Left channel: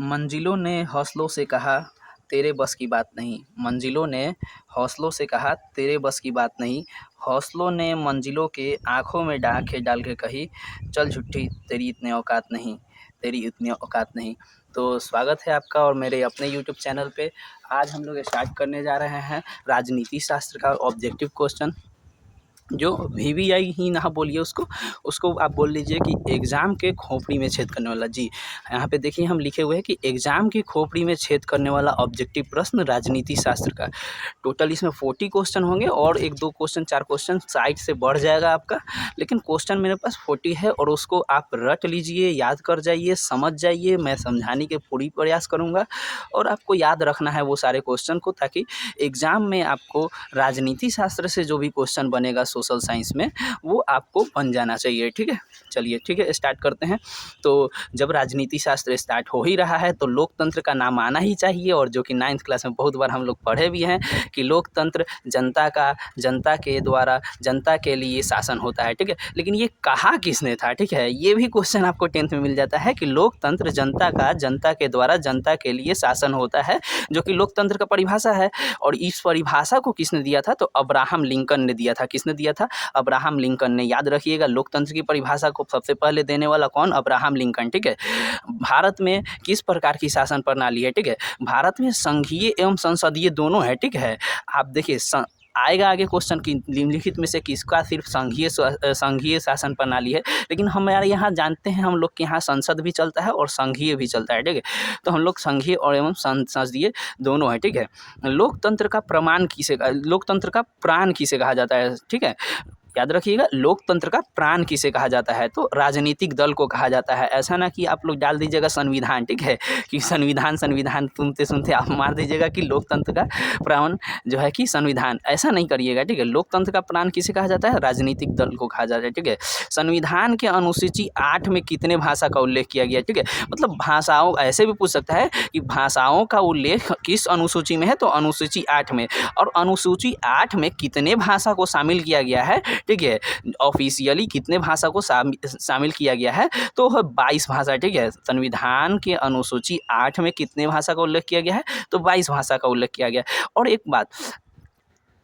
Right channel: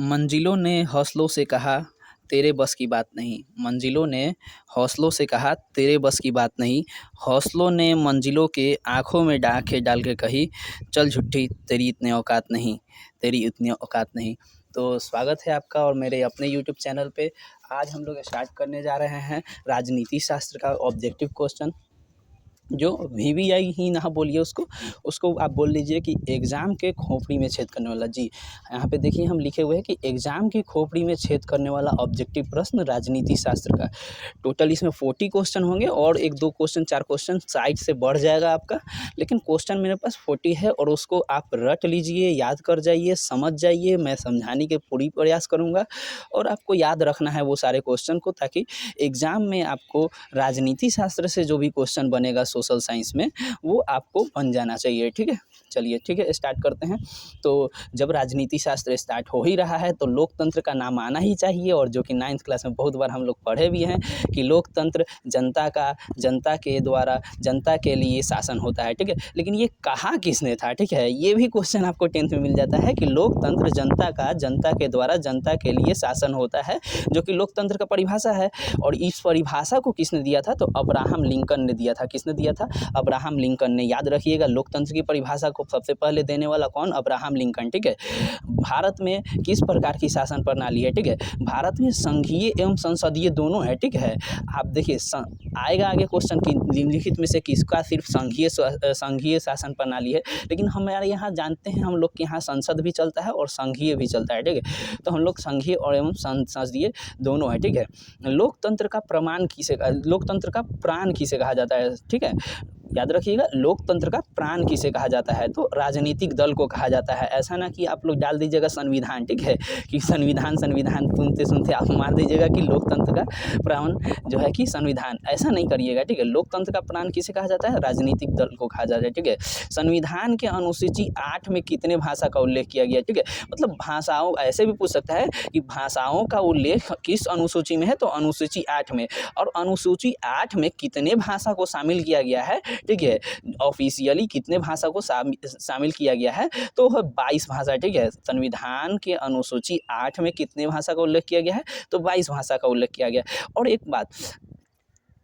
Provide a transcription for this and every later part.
मंजिलों ने हौसलों से कहा तेरे बस की बात नहीं। मंजिलों ने हौसलों से कहा तेरे बस की बात नहीं। हौसलों ने मंजिलों के आँखों में आँखें डाल के कही, चल झुट्ठी तेरी इतनी औकात नहीं, तेरी इतनी औकात नहीं। तो स्वागत है आपका और मेरे अपने यूट्यूब चैनल पे। आज हम लोग स्टार्ट करने जा रहे हैं राजनीति शास्त्र का ऑब्जेक्टिव क्वेश्चन, जो वीवीआई ही ना बोलिए उसको, उसको आप बोल लीजिए कि एग्ज़ाम के खोपड़ी में छेद करने वाला। जी, यहाँ पे देखिए हम लिखे हुए हैं कि एग्ज़ाम की खोपड़ी में छेद करने वाला ऑब्जेक्टिव प्रश्न राजनीति शास्त्र का। टोटल इसमें 40 क्वेश्चन होंगे और 1-2 क्वेश्चन 4 क्वेश्चन साइड से बढ़ जाएगा आपका, लेकिन क्वेश्चन मेरे पास 40 है और उसको आप रट लीजिए, याद कर जाइए, समझ जाइए। मैं समझाने के पूरी प्रयास करूँगा और आपको याद रखना है वो सारे क्वेश्चन को, ताकि एग्ज़ाम में आपको राजनीति शास्त्र से जो भी क्वेश्चन बनेगा सोशल साइंस में, वो आपको बन जाना चाहिए। ठीक है, चलिए ठीक है, स्टार्ट करते हैं। तो जब राजनीति शास्त्र स्टार्ट हो ही रहा है तो लोकतंत्र का नाम आना ही चाहिए, और जो कि 9th क्लास में बहुत बार हम लोग पढ़े भी हैं कि लोकतंत्र जनता का, जनता के द्वारा जनता के लिए शासन होता है। ठीक है, लेकिन ये कहा किसने था? ठीक है, ये भी क्वेश्चन आपको 10th में मिल जाता है कि लोकतंत्र जनता का, जनता के द्वारा जनता के लिए शासन होता है, जो कि लोकतंत्र का परिभाषा है। और इस परिभाषा को किसने दिया था? तो अब्राहम लिंकन ने दिया था। किसने दिया था? अब्राहम लिंकन ने। याद रखिएगा, लोकतंत्र की परिभाषा को सबसे पहले देने वाला कौन? Abraham Lincoln. ठीक है, भारत में किस प्रकार की शासन प्रणाली है? ठीक है, भारत में संघीय एवं संसदीय दोनों है। ठीक है, आप देखिए आएगा आगे क्वेश्चन की निम्नलिखित में से किसका सिर्फ संघीय शासन प्रणाली है, लेकिन हमारे यहाँ जानते हैं हम लोग के यहाँ संसद भी चलता है और संघीय भी चलता है। ठीक है, तो हम लोग संघीय और एवं संसदीय दोनों है। ठीक है, लोकतंत्र का लोकतंत्र का प्राण किसे कहा जाता है? ठीक है, याद रखिएगा, लोकतंत्र का प्राण किसे कहा जाता है? तो राजनीतिक दल को कहा जाता है। ऐसा ना कि आप लोग डाल दीजिएगा संविधान। ठीक है, कि संविधान संविधान सुनते सुनते आप मान दीजिएगा कि लोकतंत्र का प्राण जो है कि संविधान। ऐसा नहीं करिएगा। ठीक है, लोकतंत्र का प्राण किसे कहा जाता है? राजनीतिक दल को कहा जाता है। ठीक है, संविधान के अनुसूची 8 में कितने भाषा का उल्लेख किया गया? ठीक है, मतलब भाषाओं, ऐसे भी पूछ सकता है कि भाषाओं का उल्लेख किस अनुसूची में है? तो अनुसूची 8 में। और अनुसूची 8 में कितने भाषा को शामिल किया गया है? ठीक है, ऑफिशियली कितने भाषा को शामिल किया गया है? तो 22 भाषा। ठीक है, संविधान के अनुसूची 8 में कितने भाषा का उल्लेख किया गया है? तो 22 भाषा का उल्लेख किया गया है। और एक बात,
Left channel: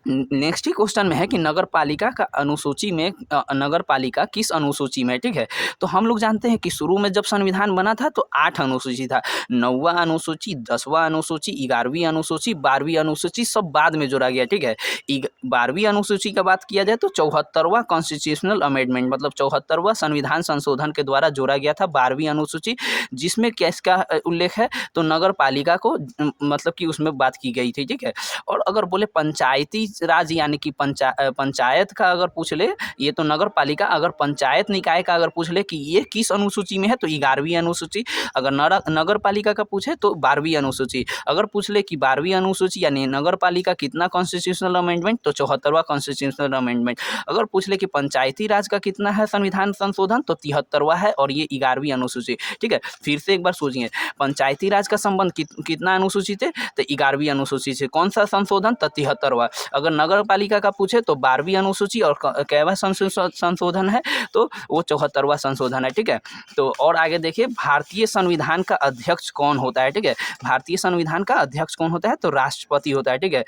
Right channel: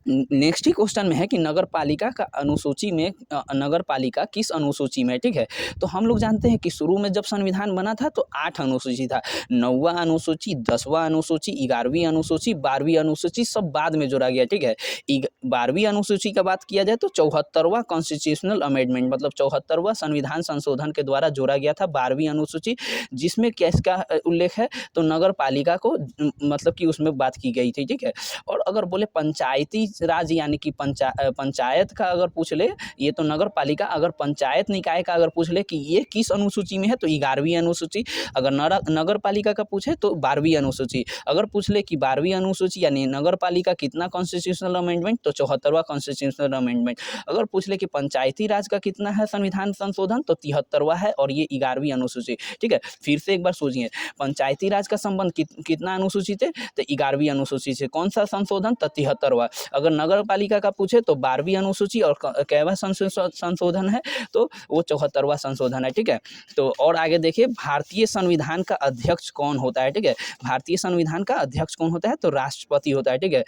नेक्स्ट ही क्वेश्चन में है कि नगर पालिका का अनुसूची में नगर पालिका किस अनुसूची में है? ठीक है, तो हम लोग जानते हैं कि शुरू में जब संविधान बना था तो 8 अनुसूची था। 9वां अनुसूची, 10वां अनुसूची, 11वीं अनुसूची, 12वीं अनुसूची सब बाद में जोड़ा गया। ठीक है, 12वीं अनुसूची का बात किया जाए तो 74वां कॉन्स्टिट्यूशनल अमेंडमेंट, मतलब 74वां संविधान संशोधन के द्वारा जोड़ा गया था 12वीं अनुसूची, जिसमें किसका उल्लेख है? तो नगर पालिका को मतलब कि उसमें बात की गई थी। ठीक है, और अगर बोले पंचायती राज यानी कि पंचायत का अगर पूछ ले, ये तो नगर पालिका, अगर पंचायत निकाय का अगर पूछ ले कि ये किस अनुसूची में है, तो 11वीं अनुसूची। अगर नगर पालिका का पूछे तो 12वीं अनुसूची। अगर पूछ ले कि 12वीं अनुसूची यानी नगर पालिका कितना कॉन्स्टिट्यूशनल अमेंडमेंट, तो 74वां कॉन्स्टिट्यूशनल अमेंडमेंट। अगर पूछ ले कि पंचायती राज का कितना है संविधान संशोधन, तो 73वां है और ये 11वीं अनुसूची। ठीक है, फिर से एक बार सोचिए, पंचायती राज का संबंध कितना अनुसूची थे? तो 11वीं अनुसूची से। कौन सा संशोधन? तो 73वां। अगर नगर पालिका का पूछे तो 12वीं अनुसूची, और कैवा संशोधन है? तो वो 74वां संशोधन है। ठीक है, तो और आगे देखिए, भारतीय संविधान का अध्यक्ष कौन होता है? ठीक है, भारतीय संविधान का अध्यक्ष कौन होता है? तो राष्ट्रपति होता है। ठीक है,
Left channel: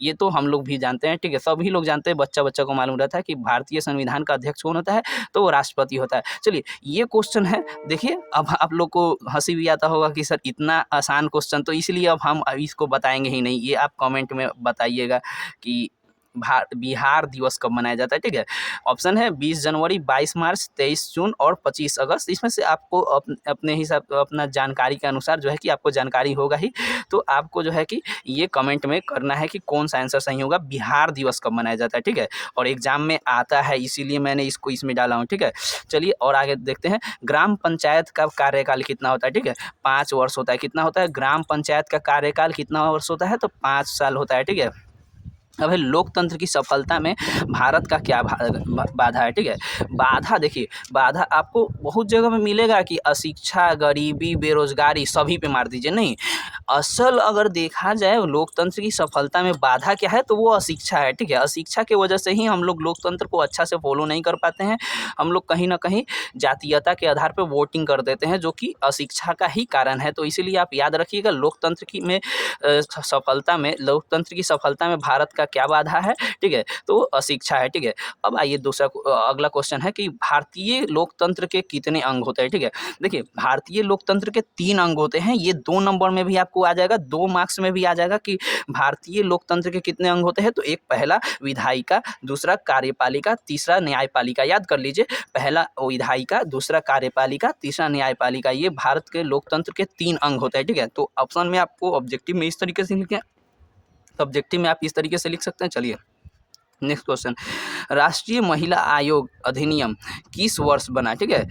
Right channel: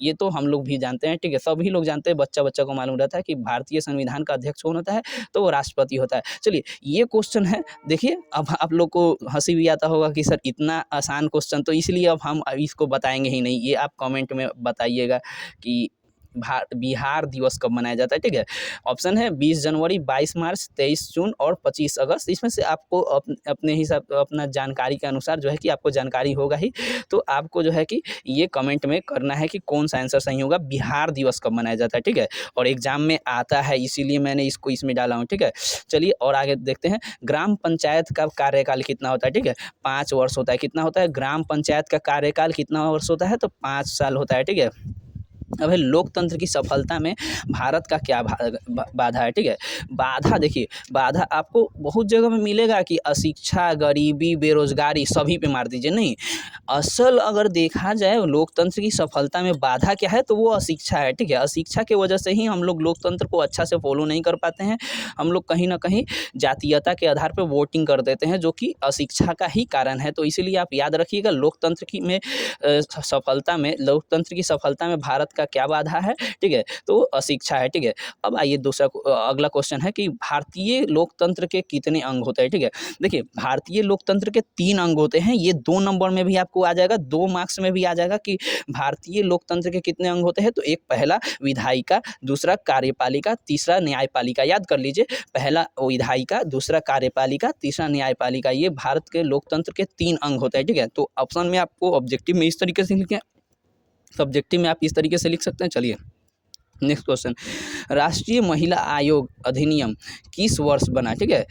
ये तो हम लोग भी जानते हैं। ठीक है, सभी लोग जानते हैं, बच्चा बच्चा को मालूम रहता है कि भारतीय संविधान का अध्यक्ष कौन होता है? तो वो राष्ट्रपति होता है। चलिए, ये क्वेश्चन है। देखिए, अब आप लोग को हंसी भी आता होगा कि सर इतना आसान क्वेश्चन, तो इसलिए अब हम इसको बताएंगे ही नहीं। ये आप कमेंट में बताइएगा कि बिहार दिवस कब मनाया जाता है। ठीक है, ऑप्शन है 20 जनवरी, 22 मार्च, 23 जून और 25 अगस्त। इसमें से आपको अपने हिसाब, अपना जानकारी के अनुसार जो है कि आपको जानकारी होगा ही, तो आपको जो है कि ये कमेंट में करना है कि कौन सा आंसर सही होगा, बिहार दिवस कब मनाया जाता है। ठीक है, और एग्जाम में आता है, इसीलिए मैंने इसको इसमें डाला हूँ। ठीक है, चलिए और आगे देखते हैं। ग्राम पंचायत का कार्यकाल कितना होता है? ठीक है, 5 वर्ष होता है। कितना होता है? ग्राम पंचायत का कार्यकाल कितना वर्ष होता है? तो 5 साल होता है। ठीक है, अब है लोकतंत्र की सफलता में भारत का क्या बाधा है, ठीक है। बाधा देखिए, बाधा आपको बहुत जगह में मिलेगा कि अशिक्षा, गरीबी, बेरोजगारी सभी पे मार दीजिए, नहीं। असल अगर देखा जाए लोकतंत्र की सफलता में बाधा क्या है, तो वो अशिक्षा है, ठीक है। अशिक्षा की वजह से ही हम लोग लोकतंत्र को अच्छा से फॉलो नहीं कर पाते हैं। हम लोग कहीं ना कहीं जातीयता के आधार पर वोटिंग कर देते हैं, जो कि अशिक्षा का ही कारण है। तो इसीलिए आप याद रखिएगा लोकतंत्र की सफलता में भारत का क्या बाधा है, ठीक है, तो अशिक्षा है, ठीक है। अब आइए अगला क्वेश्चन है कि भारतीय लोकतंत्र के कितने अंग होते हैं, ठीक है। देखिए, भारतीय लोकतंत्र के 3 अंग होते हैं। ये 2 नंबर में भी आपको आ जाएगा, 2 मार्क्स में भी आ जाएगा कि भारतीय लोकतंत्र के कितने अंग होते हैं। तो एक पहला विधायिका, दूसरा कार्यपालिका, तीसरा न्यायपालिका। याद कर लीजिए, पहला विधायिका, दूसरा कार्यपालिका, तीसरा न्यायपालिका। ये भारत के लोकतंत्र के 3 अंग होते हैं, ठीक है। तो ऑप्शन में आपको ऑब्जेक्टिव में इस तरीके से लिखें, सब्जेक्टिव में आप इस तरीके से लिख सकते हैं। चलिए नेक्स्ट क्वेश्चन, राष्ट्रीय महिला आयोग अधिनियम किस वर्ष बना, ठीक है।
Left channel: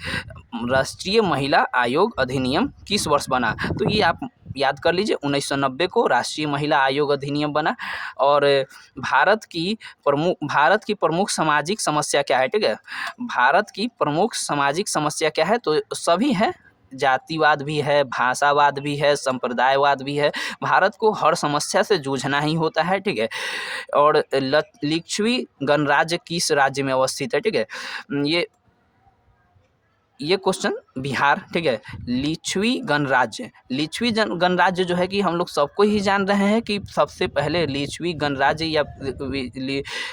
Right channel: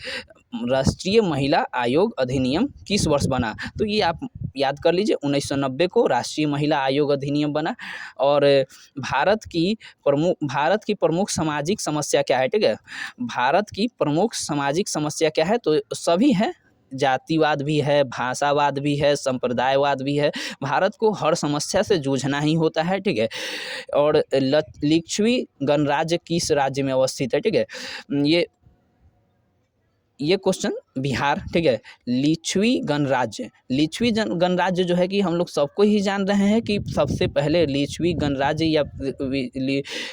राष्ट्रीय महिला आयोग अधिनियम किस वर्ष बना, तो ये आप याद कर लीजिए, 1990 को राष्ट्रीय महिला आयोग अधिनियम बना। और भारत की प्रमुख सामाजिक समस्या क्या है, ठीक है। भारत की प्रमुख सामाजिक समस्या क्या है, तो सभी है, जातिवाद भी है, भाषावाद भी है, संप्रदायवाद भी है। भारत को हर समस्या से जूझना ही होता है, ठीक है। और लिच्छवी गणराज्य किस राज्य में अवस्थित है, ठीक है। ये क्वेश्चन बिहार, ठीक है। लिच्छवी गणराज्य जो है कि हम लोग सबको ही जान रहे हैं कि सबसे पहले लिच्छवी गणराज्य या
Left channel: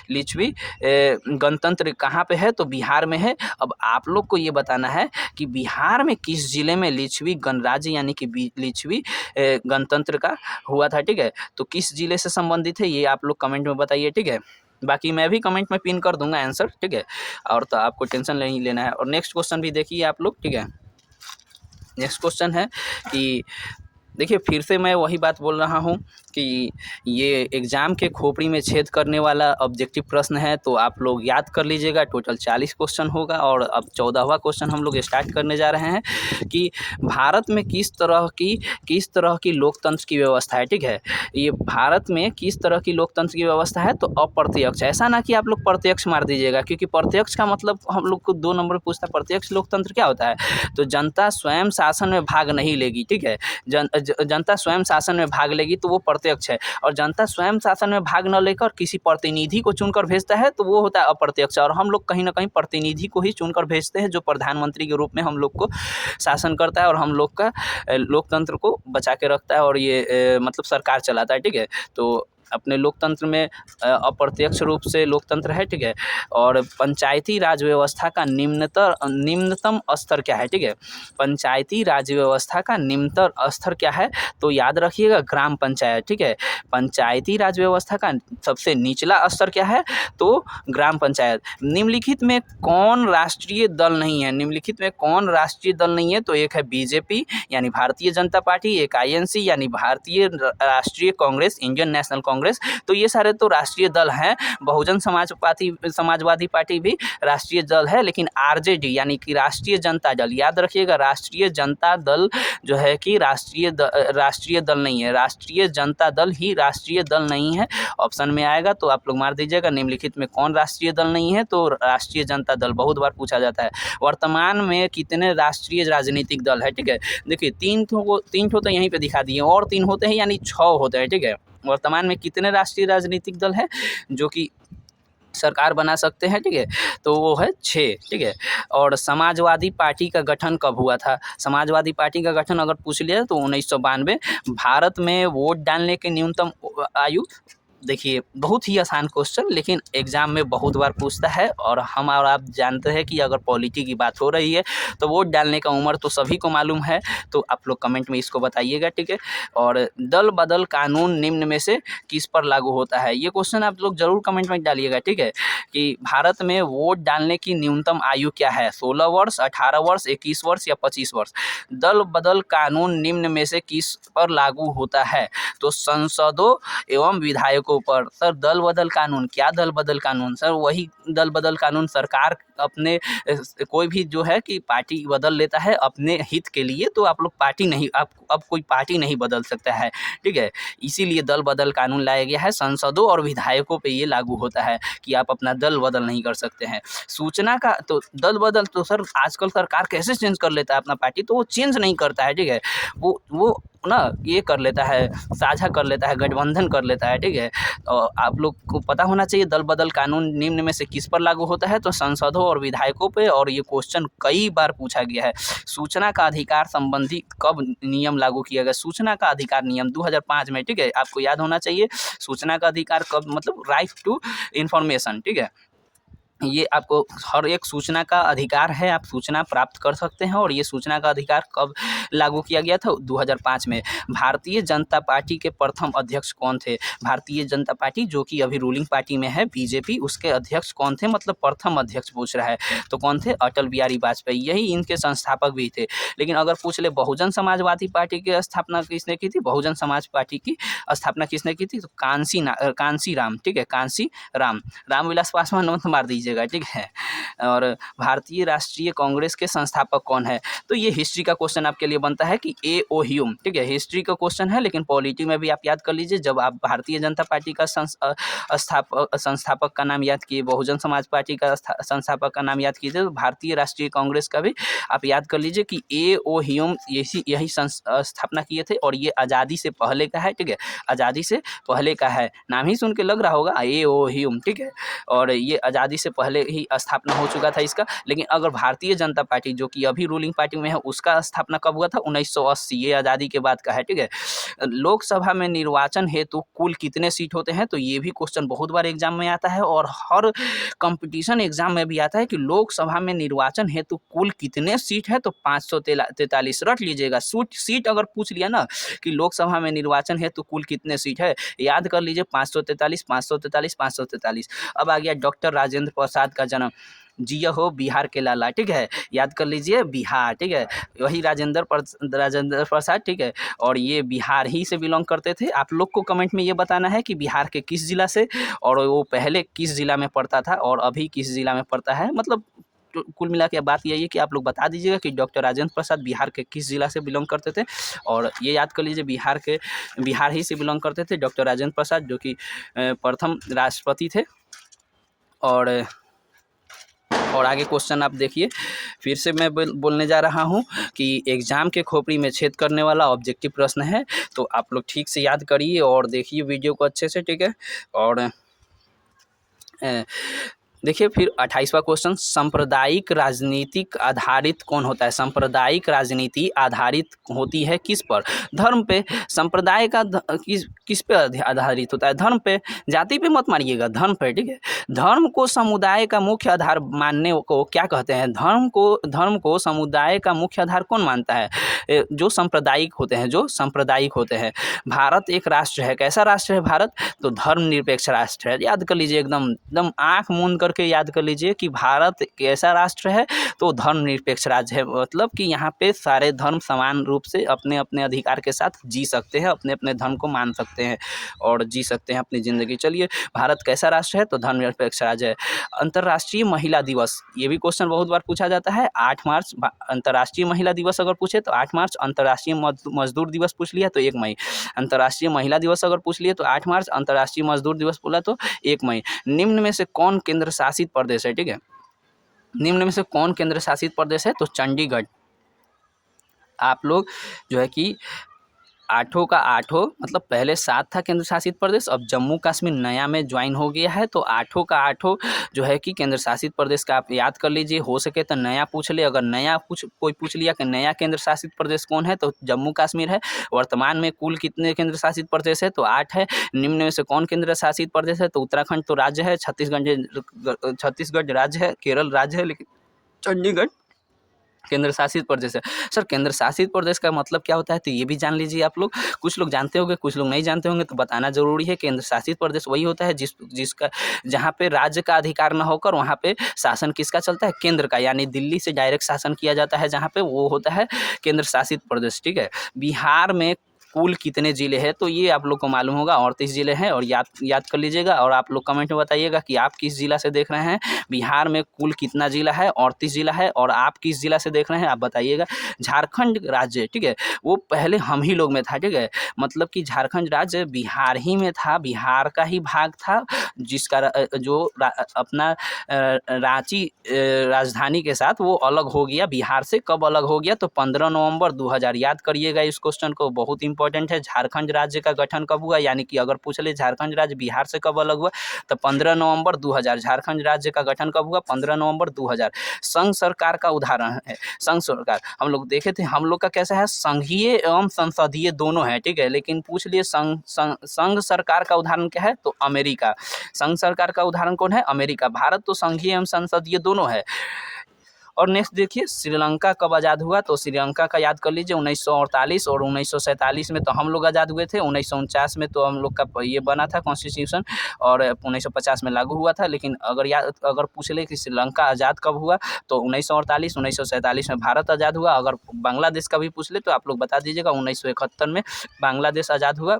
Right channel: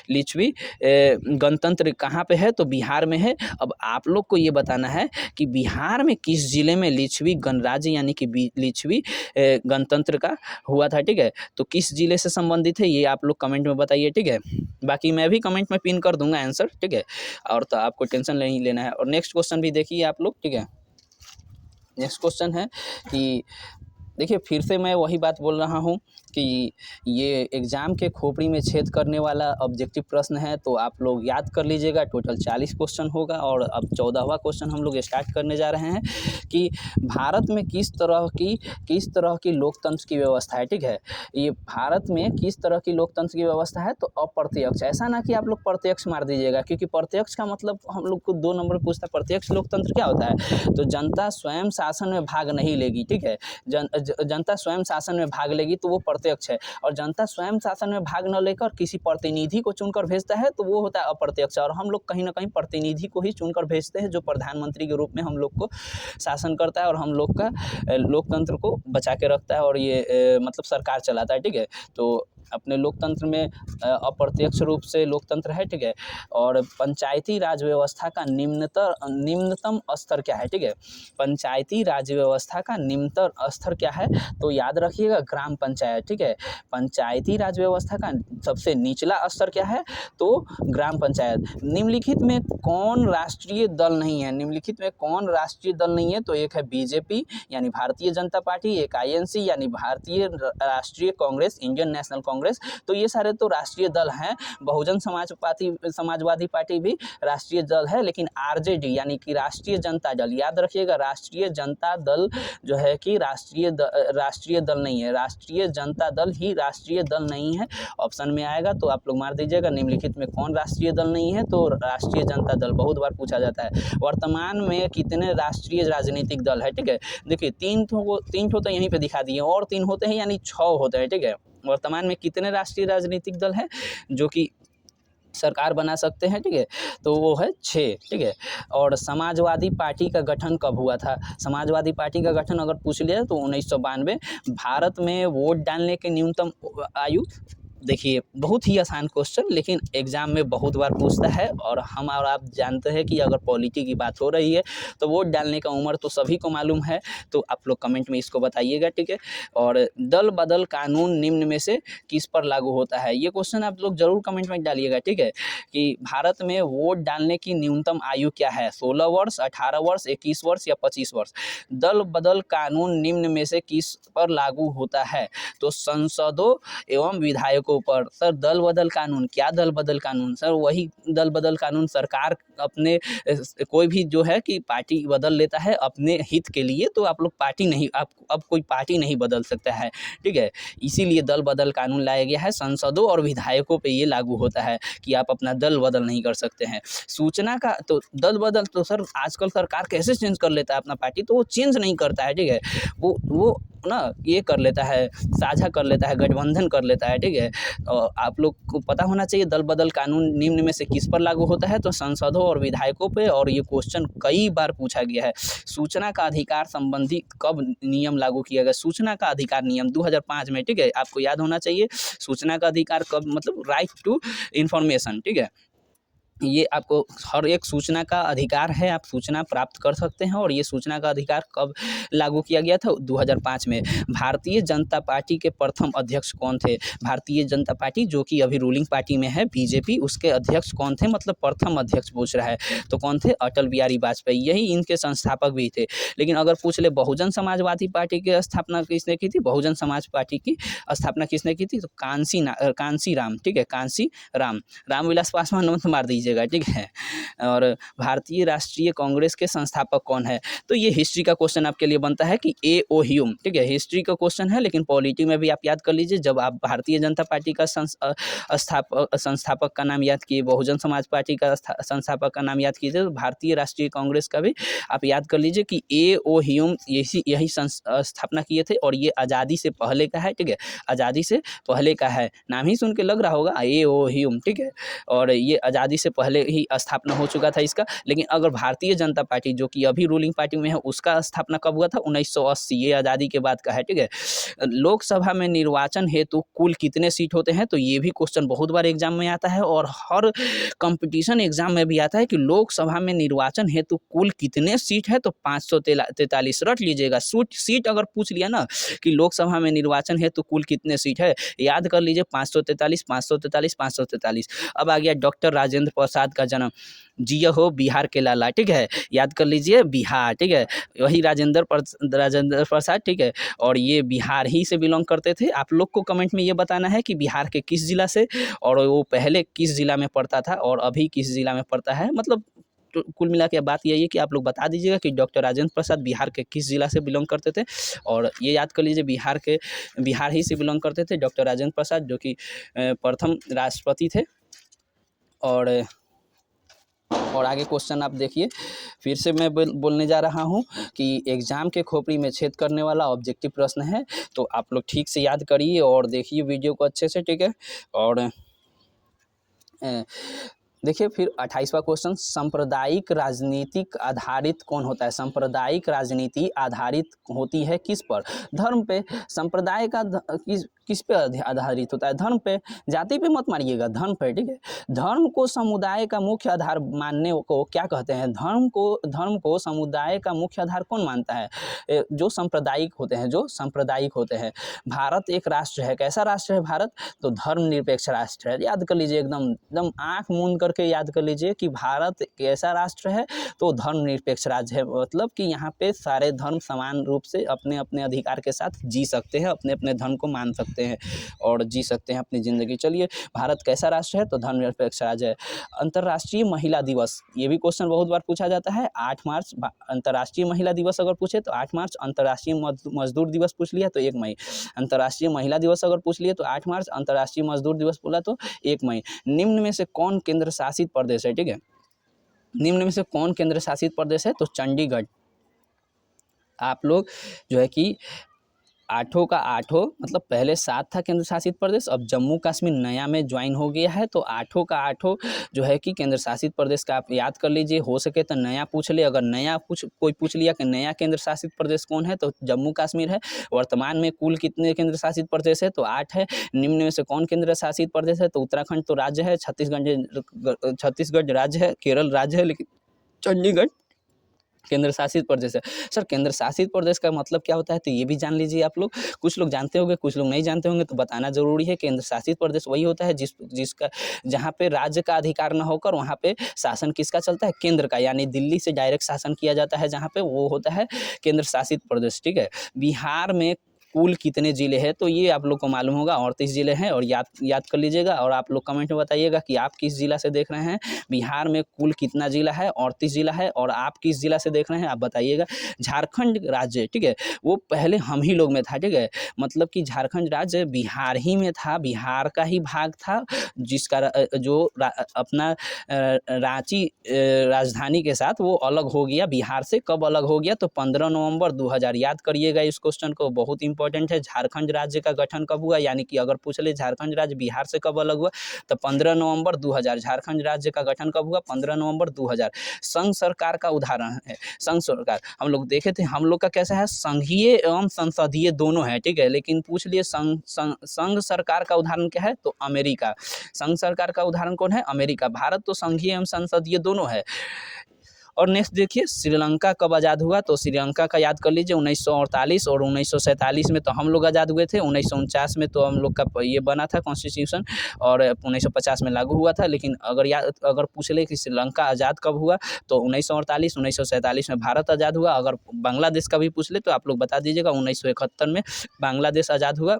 लिच्छवी गणतंत्र कहाँ पे है, तो बिहार में है। अब आप लोग को ये बताना है कि बिहार में किस जिले में लिच्छवी गणराज्य यानी कि लिच्छवी गणतंत्र का हुआ था, ठीक है। तो किस जिले से संबंधित है, ये आप लोग कमेंट में बताइए, ठीक है। बाकी मैं भी कमेंट में पिन कर दूंगा आंसर, ठीक है। और तो आपको टेंशन नहीं लेना है। और नेक्स्ट क्वेश्चन भी देखिए आप लोग, ठीक है। नेक्स्ट क्वेश्चन है कि देखिए, फिर से मैं वही बात बोल रहा हूँ कि ये एग्ज़ाम के खोपड़ी में छेद करने वाला ऑब्जेक्टिव प्रश्न है, तो आप लोग याद कर लीजिएगा। टोटल 40 क्वेश्चन होगा और अब 14वां क्वेश्चन हम लोग स्टार्ट करने जा रहे हैं कि भारत में किस तरह की लोकतंत्र की व्यवस्था है, ठीक है। ये भारत में किस तरह की लोकतंत्र की व्यवस्था है, तो अप्रत्यक्ष। ऐसा ना कि आप लोग प्रत्यक्ष मार दीजिएगा, क्योंकि प्रत्यक्ष का मतलब हम लोग को 2 नंबर पूछता है। प्रत्यक्ष लोकतंत्र क्या होता है, तो जनता स्वयं शासन में भाग नहीं लेगी, ठीक है। जनता स्वयं शासन में भाग लेगी तो वो प्रत्यक्ष है। और जनता स्वयं शासन में भाग न लेकर किसी प्रतिनिधि को चुनकर भेजता है, तो वो होता है अप्रत्यक्ष। और हम लोग कहीं ना कहीं प्रतिनिधि को ही चुनकर भेजते हैं, जो प्रधानमंत्री के रूप में हम लोग को शासन करता है और हम लोग का लोकतंत्र को बचा के रखता है और ये मतलब सरकार चलाता है, ठीक है। तो अपने लोकतंत्र में अप्रत्यक्ष रूप से लोकतंत्र है, ठीक है। और पंचायती राज व्यवस्था का निम्नतम स्तर क्या है, ठीक है। पंचायती राज व्यवस्था का निम्नतम स्तर क्या है, तो याद रखिएगा ग्राम पंचायत, ठीक है। पंचायती राज व्यवस्था का सबसे निचला स्तर क्या है, तो ग्राम पंचायत। निम्नलिखित में कौन राष्ट्रीय दल नहीं है, निम्नलिखित में कौन राष्ट्रीय दल नहीं है, तो एक है बीजेपी यानी भारतीय जनता पार्टी, एक आईएनसी यानी भारतीय राष्ट्रीय कांग्रेस, इंडियन नेशनल कांग्रेस। तो ये सारे तो राष्ट्रीय दल हैं। बहुजन समाजवादी पार्टी भी राष्ट्रीय दल है, लेकिन आरजेडी यानी कि राष्ट्रीय जनता दल, याद रखिएगा राष्ट्रीय जनता दल जो है कि राष्ट्रीय दल नहीं है, राष्ट्रीय जनता दल ही राष्ट्रीय दल नहीं है। ऑप्शन में आएगा तो आप लोग मार दीजिएगा, निम्नलिखित में कौन राष्ट्रीय दल नहीं है, तो राष्ट्रीय जनता दल। बहुत बार पूछा जाता है। वर्तमान में कितने राष्ट्रीय राजनीतिक दल है, ठीक है। देखिए, तीन ठो तो यहीं पे दिखा दिए, और 3 होते हैं यानी 6 होते हैं, ठीक है। वर्तमान में कितने राष्ट्रीय राजनीतिक दल हैं जो कि सरकार बना सकते हैं, ठीक है, तो वो है 6, ठीक है। और समाजवादी पार्टी का गठन कब हुआ था, समाजवादी पार्टी का गठन अगर पूछ लिया तो 1992। भारत में वोट डालने की न्यूनतम आयु, देखिए बहुत ही आसान क्वेश्चन, लेकिन एग्जाम में बहुत बार पूछता है। और हम और आप जानते हैं कि अगर पॉलिटी की बात हो रही है तो वोट डालने का उम्र तो सभी को मालूम है, तो आप लोग कमेंट में इसको बताइएगा, ठीक है। और दल बदल कानून निम्न में से किस पर लागू होता है, ये क्वेश्चन आप लोग जरूर कमेंट में डालिएगा, ठीक है। कि भारत में वोट डालने की न्यूनतम आयु क्या है, 16 वर्ष, 18 वर्ष, 21 वर्ष या 25 वर्ष। दल बदल कानून निम्न में से किस पर लागू होता है, तो संसदों एवं विधायकों पर। सर दल बदल कानून, क्या दल बदल कानून, सर वही दल बदल कानून सरकार अपने कोई भी जो है कि पार्टी बदल लेता है अपने हित के लिए, तो आप लोग पार्टी नहीं, आप अब कोई पार्टी नहीं बदल सकता है, ठीक है। इसीलिए दल बदल कानून लाया गया है। सांसदों और विधायकों पे ये लागू होता है कि आप अपना दल बदल नहीं कर सकते हैं। सूचना का तो दल बदल तो सर आजकल सरकार कैसे चेंज कर लेता है अपना पार्टी, तो वो चेंज नहीं करता है, ठीक है। वो ना ये कर लेता है, साझा कर लेता है, गठबंधन कर लेता है, ठीक है। तो आप लोग को पता होना चाहिए दल बदल कानून निम्न में से किस पर लागू होता है, तो सांसदों और विधायकों पे। और ये क्वेश्चन कई बार पूछा गया है। सूचना का अधिकार संबंधी कब नियम लागू किया गया? सूचना का अधिकार नियम 2005 में, ठीक है। आपको याद होना चाहिए सूचना का अधिकार कब, मतलब राइट टू इंफॉर्मेशन, ठीक है। ये आपको हर एक सूचना का अधिकार है, आप सूचना प्राप्त कर सकते हैं। और ये सूचना का अधिकार कब लागू किया गया था? 2005 में। भारतीय जनता पार्टी के प्रथम अध्यक्ष कौन थे? भारतीय जनता पार्टी जो कि अभी रूलिंग पार्टी में है बीजेपी, उसके अध्यक्ष कौन थे? मतलब प्रथम अध्यक्ष पूछ रहा है, तो कौन थे? अटल बिहारी वाजपेयी, यही इनके संस्थापक भी थे। लेकिन अगर पूछ ले बहुजन समाजवादी पार्टी की स्थापना किसने की थी? बहुजन समाज पार्टी की स्थापना किसने की थी? तो कांसी राम, ठीक है, कांसी रामविलास पासवान मत मार दीजिएगा, ठीक है। और भारतीय राष्ट्रीय कांग्रेस के संस्थापक कौन है? तो ये हिस्ट्री का क्वेश्चन आपके लिए बनता है कि ए.ओ. ह्यूम, ठीक है, हिस्ट्री का क्वेश्चन है। लेकिन पॉलिटी में भी आप याद कर लीजिए, जब आप भारतीय जनता पार्टी का संस्थापक का नाम याद किए, बहुजन समाज पार्टी का संस्थापक का नाम याद कीजिए, तो भारतीय राष्ट्रीय कांग्रेस का भी आप याद कर लीजिए कि ए.ओ. ह्यूम यही स्थापना किए थे। और ये आज़ादी से पहले का है, ठीक है, आज़ादी से पहले का है। नाम ही सुन के लग रहा होगा ए.ओ. ह्यूम, ठीक है। और ये आज़ादी से पहले ही स्थापना हो चुका था इसका। लेकिन अगर भारतीय जनता पार्टी जो कि अभी रूलिंग पार्टी में है, उसका स्थापना कब हुआ था? 1980, ये आज़ादी के बाद का है, ठीक है। लोकसभा में निर्वाचन हेतु कुल कितने सीट होते हैं? तो ये भी क्वेश्चन बहुत बार एग्जाम में आता है, और हर कंपटीशन एग्जाम में भी आता है कि लोकसभा में निर्वाचन हेतु कुल कितने सीट है? तो 543 रट लीजिएगा। सीट अगर पूछ लिया ना कि लोकसभा में निर्वाचन हेतु कुल कितने सीट है, याद कर लीजिए 543, 543, 543। अब आ गया डॉक्टर राजेंद्र प्रसाद का जन्म। जिया हो बिहार के लाला, ठीक है, याद कर लीजिए बिहार, ठीक है, वही राजेंद्र प्रसाद, ठीक है। और ये बिहार ही से बिलोंग करते थे। आप लोग को कमेंट में ये बताना है कि बिहार के किस जिला से, और वो पहले किस जिला में पड़ता था और अभी किस जिला में पड़ता है। मतलब तो कुल मिला के बात यही है कि आप लोग बता दीजिएगा कि डॉक्टर राजेंद्र प्रसाद बिहार के किस जिला से बिलोंग करते थे। और ये याद कर लीजिए बिहार ही से बिलोंग करते थे डॉक्टर राजेंद्र प्रसाद, जो कि प्रथम राष्ट्रपति थे। और आगे क्वेश्चन आप देखिए, फिर से मैं बोलने जा रहा हूँ कि एग्जाम के खोपड़ी में छेद करने वाला ऑब्जेक्टिव प्रश्न है, तो आप लोग ठीक से याद करिए और देखिए वीडियो को अच्छे से, ठीक है। और देखिए फिर 28वां क्वेश्चन, सांप्रदायिक राजनीतिक आधारित कौन होता है? सांप्रदायिक राजनीति आधारित होती है किस पर? धर्म पे। संप्रदाय का किस पे आधारित होता है? धर्म पे। जाति पे मत मारिएगा, धर्म पे, ठीक है। धर्म को समुदाय का मुख्य आधार मानने को क्या कहते हैं? धर्म को समुदाय का मुख्य आधार कौन मानता है? जो सांप्रदायिक होते हैं। भारत एक राष्ट्र है। कैसा राष्ट्र है भारत? तो धर्मनिरपेक्ष राष्ट्र है। याद कर लीजिए, एकदम आंख मूंद करके याद कर लीजिए कि भारत कैसा राष्ट्र है? तो धर्मनिरपेक्ष राज्य है। मतलब कि यहाँ पे सारे धर्म समान रूप से अपने अपने अधिकार के साथ जी सकते हैं, अपने अपने धर्म को मान सकते हैं और जी सकते हैं अपनी ज़िंदगी। चलिए, भारत कैसा राष्ट्र है? तो धर्मनिरपेक्ष राज्य है। अंतर्राष्ट्रीय महिला दिवस, ये भी क्वेश्चन बहुत बार पूछा जाता है। 8 मार्च अंतर्राष्ट्रीय महिला दिवस अगर पूछे तो 8 मार्च, अंतर्राष्ट्रीय मजदूर दिवस पूछ लिया तो 1 मई। अंतर्राष्ट्रीय महिला दिवस अगर पूछ लिए तो 8 मार्च, अंतर्राष्ट्रीय मजदूर दिवस बोला तो 1 मई। निम्न में से कौन केंद्र शासित प्रदेश है? ठीक है, निम्न में से कौन केंद्र शासित प्रदेश है? तो चंडीगढ़। आप लोग जो है कि आठों का आठों, मतलब पहले 7 था केंद्र शासित प्रदेश, अब जम्मू कश्मीर नया में ज्वाइन हो गया है, तो आठों का आठों जो है कि केंद्र शासित प्रदेश का आप याद कर लीजिए। हो सके तो नया पूछ ले, अगर नया कोई पूछ लिया कि नया केंद्र शासित प्रदेश कौन है, तो जम्मू कश्मीर है। वर्तमान में कुल कितने केंद्र शासित प्रदेश है? तो 8 है। निम्न में से कौन केंद्र शासित प्रदेश है? तो उत्तराखंड तो राज्य है, छत्तीसगढ़ राज्य है, केरल राज्य है, लेकिन चंडीगढ़ केंद्र शासित प्रदेश है। सर केंद्र शासित प्रदेश का मतलब क्या होता है? तो ये भी जान लीजिए आप लोग। कुछ लोग जानते होंगे, कुछ लोग नहीं जानते होंगे, तो बताना जरूरी है। केंद्र शासित प्रदेश वही होता है जिसका जहाँ पे राज्य का अधिकार न होकर वहाँ पे शासन किसका चलता है? केंद्र का, यानी दिल्ली से डायरेक्ट शासन किया जाता है, जहाँ पे वो होता है केंद्र शासित प्रदेश। ठीक है, बिहार में कुल कितने ज़िले हैं, तो ये आप लोग को मालूम होगा 38 ज़िले हैं, और याद याद कर लीजिएगा। और आप लोग कमेंट में बताइएगा कि आप किस ज़िला से देख रहे हैं। बिहार में कुल कितना ज़िला है, 38 ज़िला है, और आप किस ज़िला से देख रहे हैं आप बताइएगा। झारखंड राज्य, ठीक है, वो पहले हम ही लोग में था, ठीक है, मतलब कि झारखंड राज्य बिहार ही में था, बिहार का ही भाग था, जिसका अपना रांची राजधानी के साथ वो अलग हो गया बिहार से। कब अलग हो गया, तो 15 नवंबर 2000। याद करिएगा इस क्वेश्चन को, बहुत इंपॉर्टेंट है। झारखंड राज्य का गठन कब हुआ, यानी कि अगर पूछ ले झारखंड राज्य बिहार से कब अलग हुआ, तो 15 नवंबर 2000। झारखंड राज्य का गठन कब हुआ, 15 नवंबर 2000। संघ सरकार का उदाहरण है, संघ सरकार हम लोग देखे थे, हम लोग का कैसा है, संघीय एवं संसदीय दोनों है, ठीक है, लेकिन पूछ लिए संघ सरकार का उदाहरण क्या है, तो अमेरिका। संघ सरकार का उदाहरण कौन है, अमेरिका। भारत तो संघीय एवं संसदीय दोनों है। और नेक्स्ट देखिए, श्रीलंका कब आज़ाद हुआ, तो श्रीलंका का याद कर लीजिए 1948, और 1947 में तो हम लोग आज़ाद हुए थे। 1949 में तो हम लोग का ये बना था कॉन्स्टिट्यूशन, और 1950 में लागू हुआ था। लेकिन अगर पूछ ले कि श्रीलंका आज़ाद कब हुआ, तो 1948, 1947 में भारत आज़ाद हुआ। अगर बांग्लादेश का भी पूछ ले तो आप लोग बता दीजिएगा, 1971 में बांग्लादेश आज़ाद हुआ।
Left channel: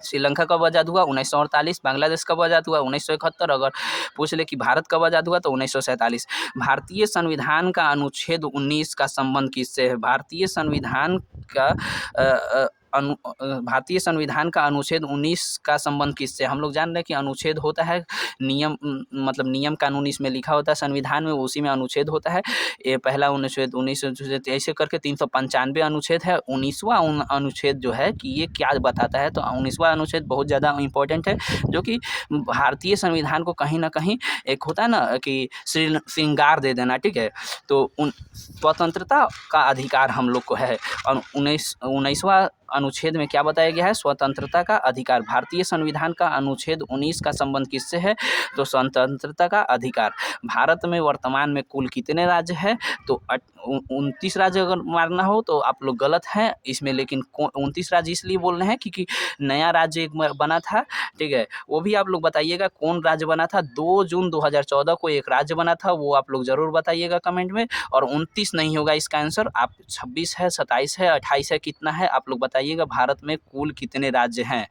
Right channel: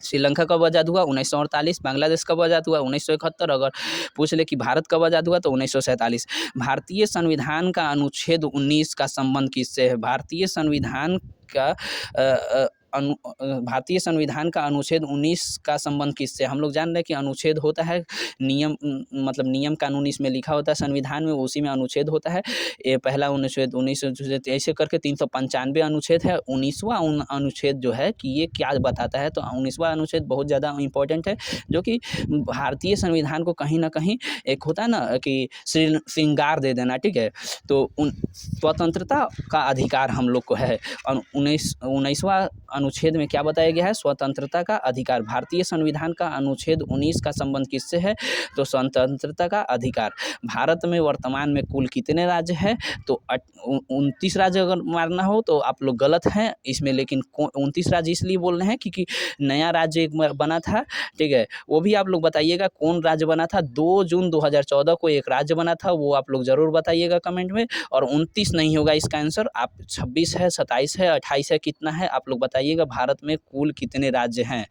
श्रीलंका कब आज़ाद हुआ, 1948। बांग्लादेश कब आज़ाद हुआ, 1971। अगर पूछ ले कि भारत कब आज़ाद हुआ, तो 1947। भारतीय संविधान का अनुच्छेद 19 का संबंध किससे है, भारतीय संविधान का भारतीय संविधान का अनुच्छेद 19 का संबंध किससे। हम लोग जान रहे हैं कि अनुच्छेद होता है नियम, मतलब नियम कानून इसमें लिखा होता है संविधान में, उसी में अनुच्छेद होता है। ये पहला अनुच्छेद 19 ऐसे करके 395 अनुच्छेद है। 19वां अनुच्छेद जो है कि ये क्या बताता है, तो 19वां अनुच्छेद बहुत ज़्यादा इंपॉर्टेंट है, जो कि भारतीय संविधान को कहीं ना कहीं एक होता है ना कि श्रृंगार दे देना, ठीक है। तो स्वतंत्रता का अधिकार हम लोग को है, और 19वां अनुच्छेद में क्या बताया गया है, स्वतंत्रता का अधिकार। भारतीय संविधान का अनुच्छेद 19 का संबंध किससे है, तो स्वतंत्रता का अधिकार। भारत में वर्तमान में कुल कितने राज्य हैं, तो 29 राज्य अगर मारना हो तो आप लोग गलत हैं इसमें, लेकिन 29 राज्य इसलिए बोल रहे हैं क्योंकि नया राज्य एक बना था, ठीक है, वो भी आप लोग बताइएगा कौन राज्य बना था। 2 जून 2014 को एक राज्य बना था, वो आप लोग जरूर बताइएगा कमेंट में। और 29 नहीं होगा इसका आंसर, आप 26 है, 27 है, 28 है, कितना है आप लोग बताइएगा। भारत में कुल कितने राज्य हैं,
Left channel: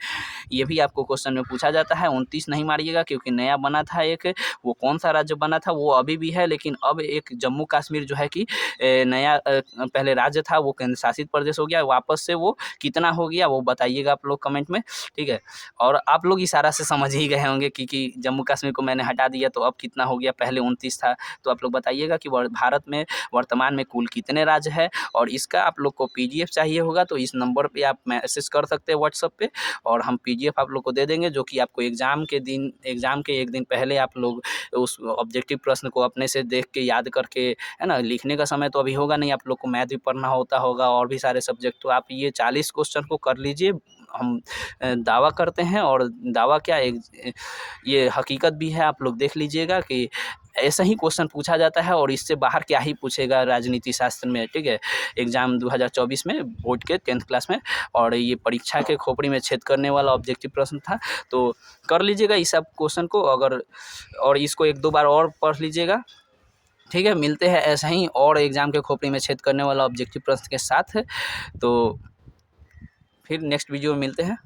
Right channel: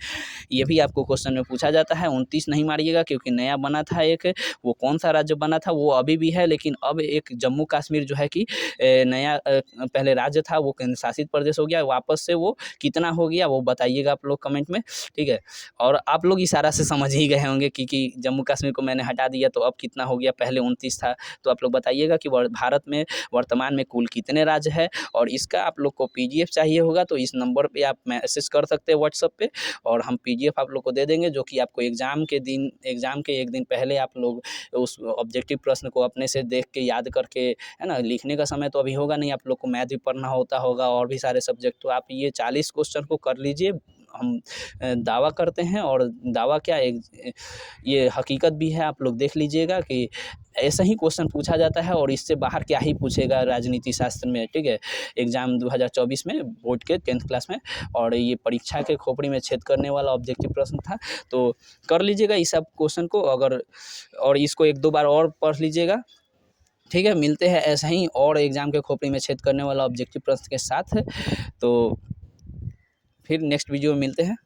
ये भी आपको क्वेश्चन में पूछा जाता है। 29 नहीं मारिएगा क्योंकि नया बना था एक, वो कौन सा राज्य बना था, वो अभी भी है, लेकिन अब एक जम्मू कश्मीर जो है कि नया पहले राज्य था, वो केंद्र शासित प्रदेश हो गया, वापस से वो कितना हो गया वो बताइएगा आप लोग कमेंट में, ठीक है। और आप लोग इशारा से समझ ही गए होंगे कि जम्मू कश्मीर को मैंने हटा दिया तो अब कितना हो गया, पहले 29 था। तो आप लोग बताइएगा कि भारत में वर्तमान में कुल कितने राज्य है। और इसका आप लोग को PDF चाहिए होगा तो इस नंबर पे आप मैसेज कर सकते हैं व्हाट्सएप पे, और हम PDF आप लोग को दे देंगे, जो कि आपको एग्ज़ाम के एक दिन पहले आप लोग उस ऑब्जेक्टिव प्रश्न को अपने से देख के याद करके, है ना, लिखने का समय तो अभी होगा नहीं, आप लोग को मैथ भी पढ़ना होता होगा और भी सारे सब्जेक्ट, तो आप ये 40 क्वेश्चन को कर लीजिए। हम दावा करते हैं, और दावा क्या ये हकीकत भी है, आप लोग देख लीजिएगा कि ऐसा ही क्वेश्चन पूछा जाता है, और इससे बाहर क्या ही पूछेगा राजनीति शास्त्र में, ठीक है, एग्जाम 2024 में बोर्ड के 10th क्लास में। और ये परीक्षा के खोपड़ी में छेद करने वाला ऑब्जेक्टिव प्रश्न था, तो कर लीजिएगा इस सब क्वेश्चन को, अगर और इसको 1-2 बार और पढ़ लीजिएगा, ठीक है। मिलते हैं ऐसा ही और एग्जाम के खोपड़ी में छेद करने वाला ऑब्जेक्टिव प्रश्न के साथ, तो फिर नेक्स्ट वीडियो में मिलते हैं।